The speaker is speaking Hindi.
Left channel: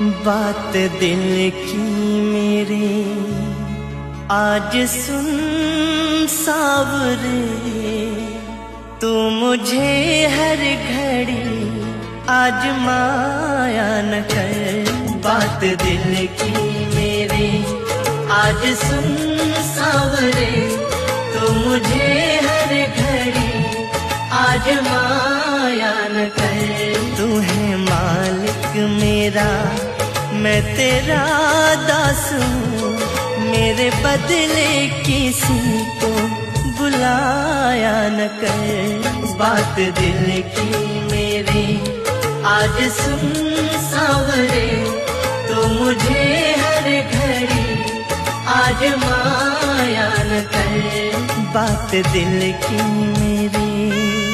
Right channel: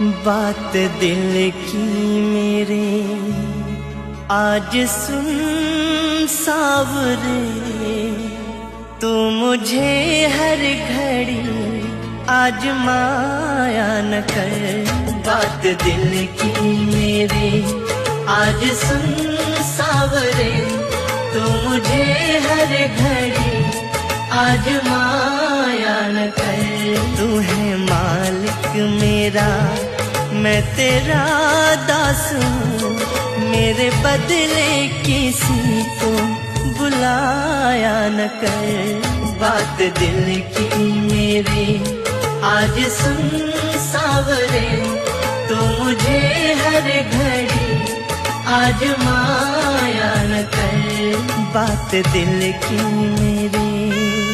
बात दिल की मेरे आज सुन सावरे, तू मुझे हर घड़ी आजमाया न कर। बात दिल की मेरे आज सुन सावरे, तू मुझे हर घड़ी आजमाया न कर। तू है मालिक मेरा, मैं तेरा दास हूँ, मेरे बदले किसी को बुलाया न कर। बात दिल की मेरे आज सुन सावरे, तू मुझे हर घड़ी आजमाया न कर। बात दिल की मेरे।